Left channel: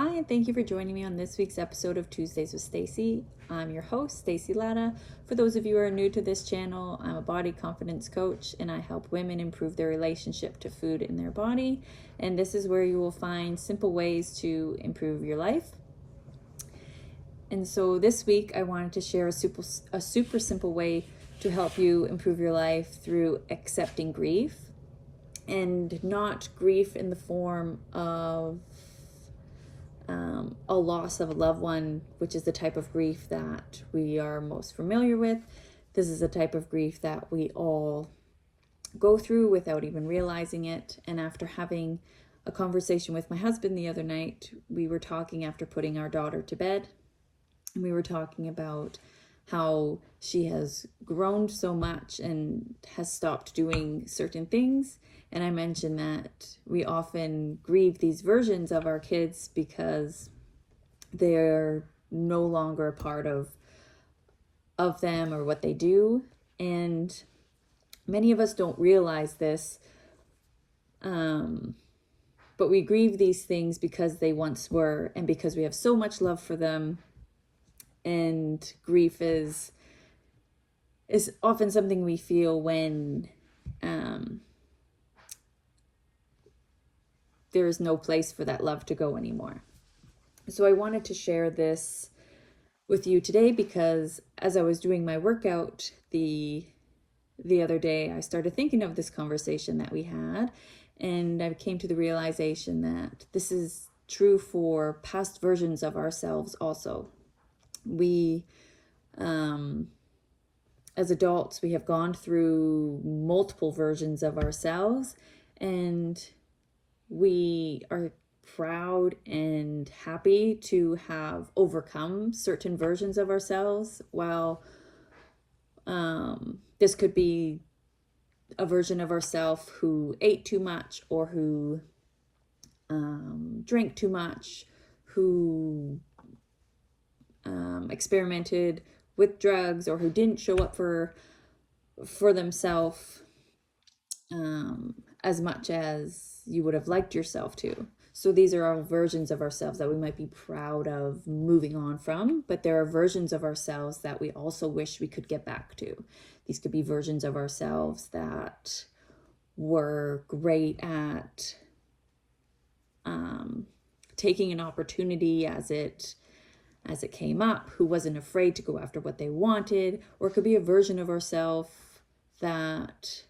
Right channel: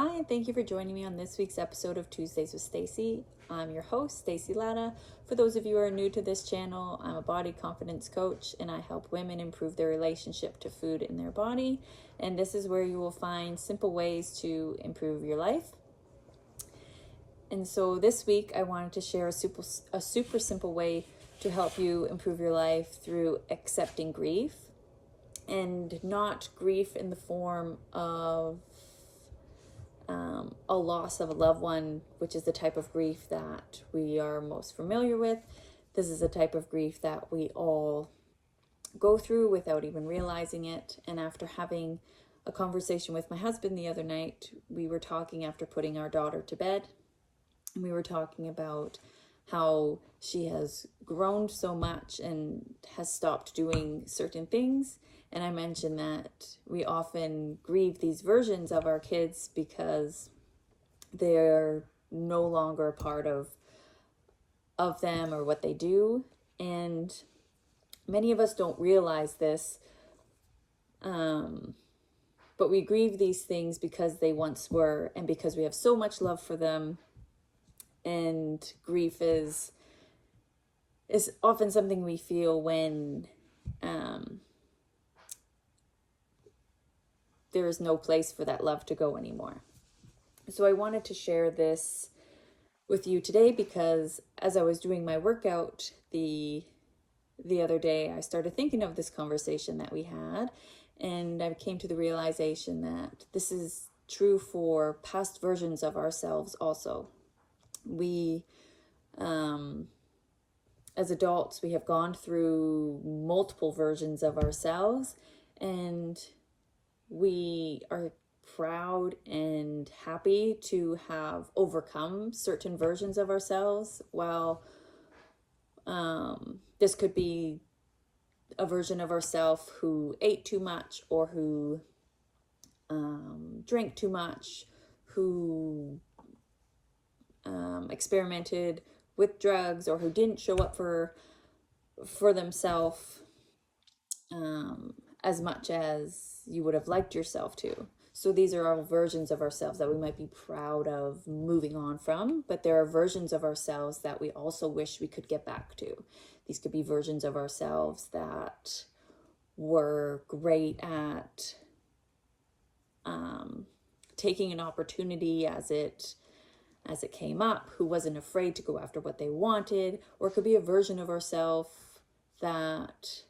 Hi, and thank you for joining me on this week's episode of Tuesdays with Stacy. I'm your host, Stacy Latta. For those of you who are new to this channel, I'm a body confidence coach and I help women improve their relationship to food in their body. And this is where you will find simple ways to improve your life. And so this week I wanted to share a super simple way to help you improve your life through accepting grief, and not grief in the form of a loss of a loved one, which is the type of grief that we are most familiar with. This is a type of grief that we all go through without even realizing it. And after having a conversation with my husband the other night, we were talking after putting our daughter to bed, and we were talking about how she has grown so much and has stopped doing certain things. And I mentioned that we often grieve these versions of our kids because they're no longer a part of them or what they do. And many of us don't realize this, but we grieve these things because they once were, and because we have so much love for them. And grief is often something we feel when there's no place for that love to go anymore. So I wanted to share this with you today because as I was doing my workout the other day, I started thinking of this conversation that we had, and I came to the realization that this is true for past versions of ourselves also. We, as adults, we have gone through multiple versions of ourselves, and we are proud and happy to have overcome certain versions of ourselves. While this could be a version of ourselves who ate too much, or who drank too much, who experimented with drugs, or who didn't show up for themselves as much as you would have liked yourself to. So these are all versions of ourselves that we might be proud of moving on from, but there are versions of ourselves that we also wish we could get back to. These could be versions of ourselves that were great at taking an opportunity as it came up, who wasn't afraid to go after what they wanted. Or it could be a version of ourselves that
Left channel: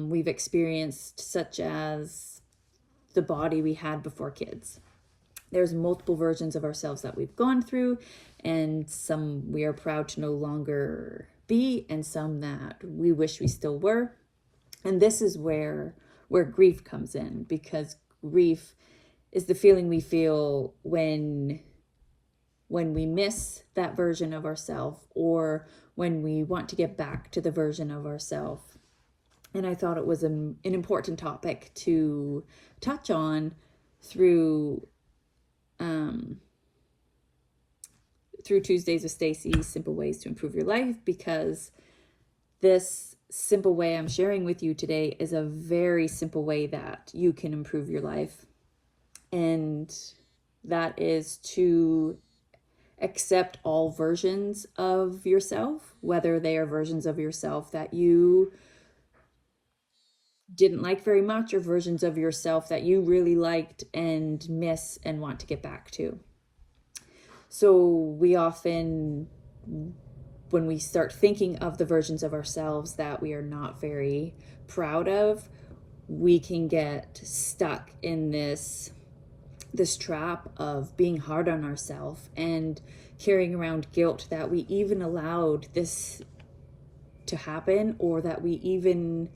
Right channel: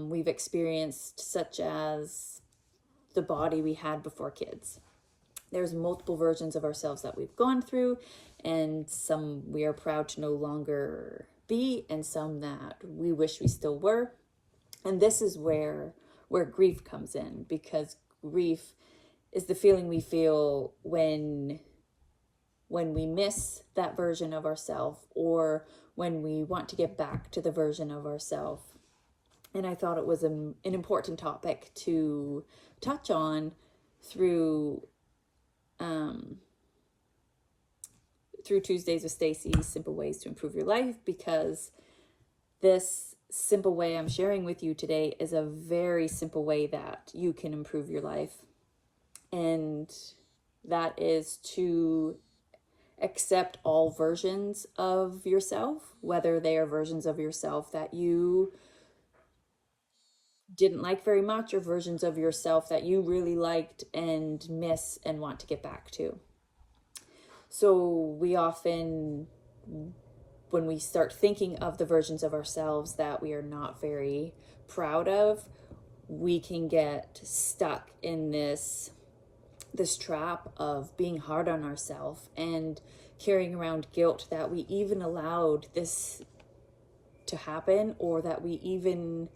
we've experienced, such as the body we had before kids. There's multiple versions of ourselves that we've gone through, and some we are proud to no longer be, and some that we wish we still were. And this is where grief comes in, because grief is the feeling we feel when we miss that version of ourselves, or when we want to get back to the version of ourselves. And I thought it was an important topic to touch on through Tuesdays with Stacy, Simple Ways to Improve Your Life, because this simple way I'm sharing with you today is a very simple way that you can improve your life. And that is to accept all versions of yourself, whether they are versions of yourself that you didn't like very much, or versions of yourself that you really liked and miss and want to get back to. So we often, when we start thinking of the versions of ourselves that we are not very proud of, we can get stuck in this trap of being hard on ourselves and carrying around guilt that we even allowed this to happen, or that we even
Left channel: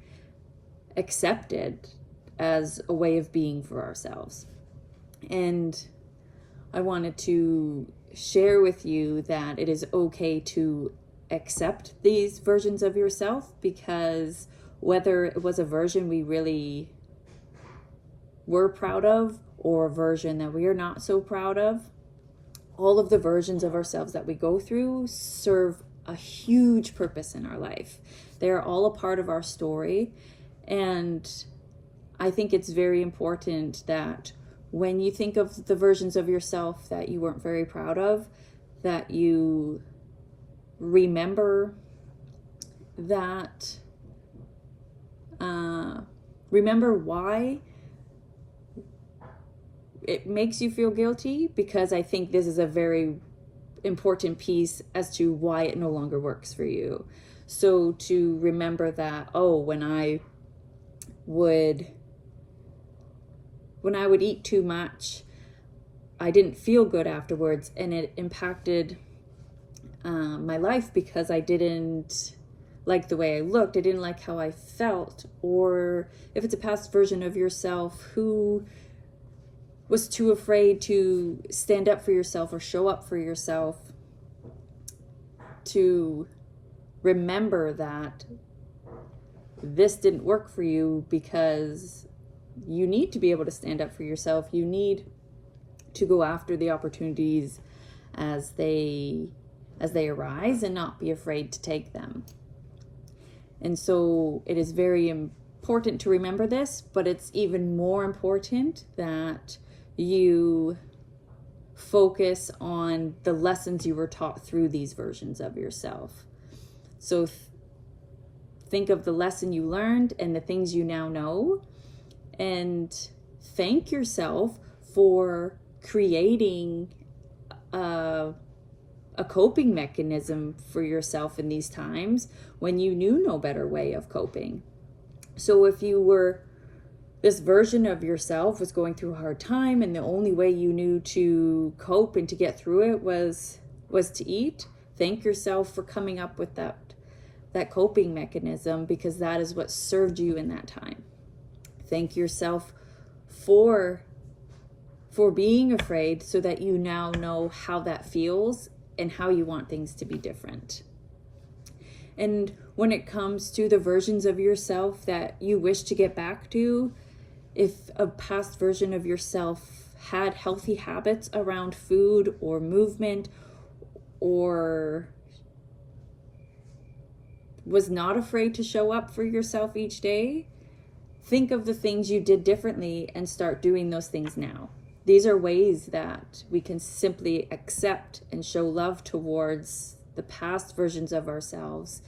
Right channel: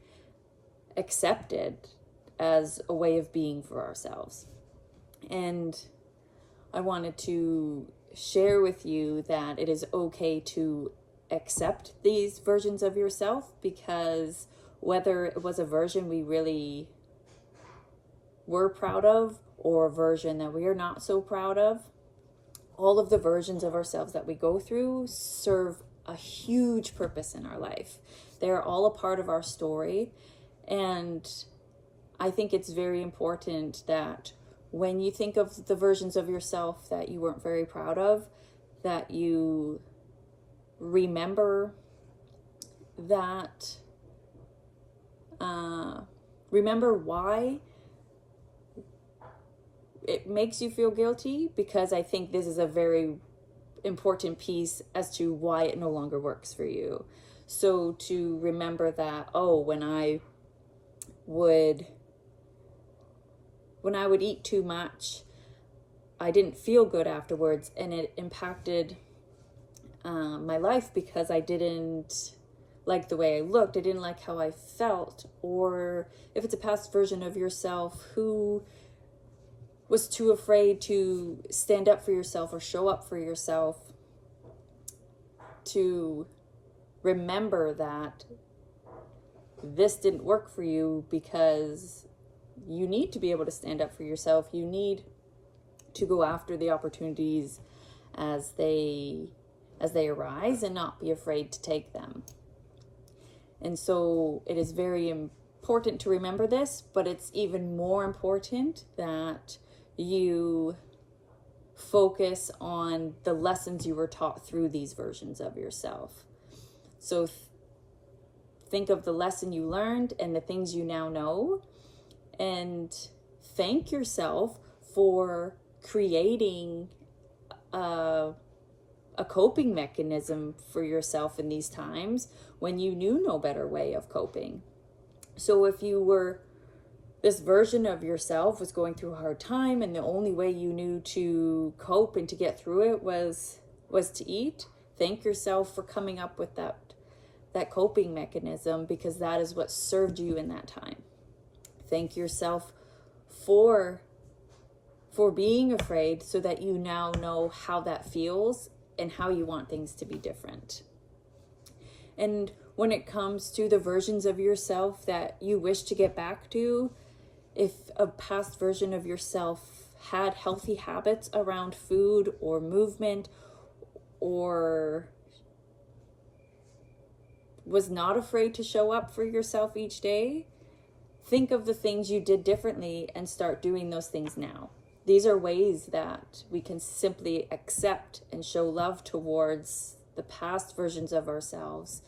accepted as a way of being for ourselves. And I wanted to share with you that it is okay to accept these versions of yourself, because whether it was a version we really were proud of, or a version that we are not so proud of, all of the versions of ourselves that we go through serve a huge purpose in our life. They are all a part of our story. And I think it's very important that when you think of the versions of yourself that you weren't very proud of, that you remember that, remember why it makes you feel guilty, because I think this is a very important piece as to why it no longer works for you. So to remember that, oh, when I would eat too much, I didn't feel good afterwards, and it impacted my life because I didn't like the way I looked, I didn't like how I felt. Or if it's a past version of yourself who was too afraid to stand up for yourself or show up for yourself, to remember that this didn't work for you, because you need to be able to stand up for yourself. You need to go after the opportunities as they arise and not be afraid to take them. And so it is very important to remember this, but it's even more important that you focus on the lessons you were taught through these versions of yourself. So think of the lesson you learned and the things you now know, and thank yourself for creating a coping mechanism for yourself in these times when you knew no better way of coping. So if this version of yourself was going through a hard time and the only way you knew to cope and to get through it was to eat, thank yourself for coming up with that coping mechanism, because that is what served you in that time. Thank yourself for being afraid, so that you now know how that feels and how you want things to be different. And when it comes to the versions of yourself that you wish to get back to, if a past version of yourself had healthy habits around food or movement, or was not afraid to show up for yourself each day, think of the things you did differently and start doing those things now. These are ways that we can simply accept and show love towards the past versions of ourselves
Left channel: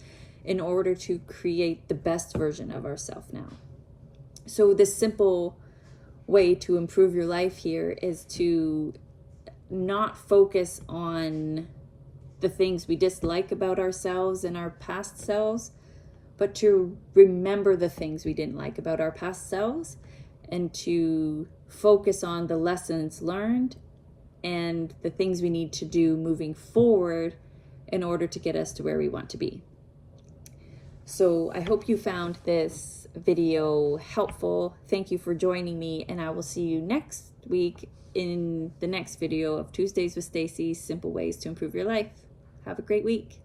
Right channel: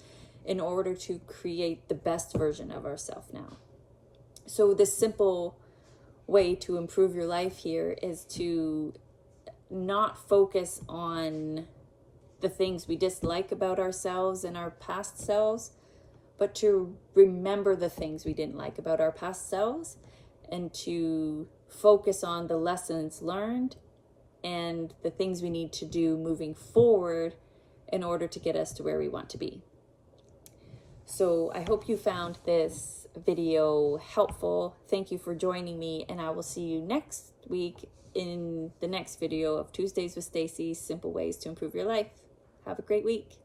in order to create the best version of ourselves now. So this simple way to improve your life here is to not focus on the things we dislike about ourselves and our past selves, but to remember the things we didn't like about our past selves, and to focus on the lessons learned and the things we need to do moving forward in order to get us to where we want to be. So I hope you found this video helpful. Thank you for joining me, and I will see you next week in the next video of Tuesdays with Stacy, Simple Ways to Improve Your Life. Have a great week.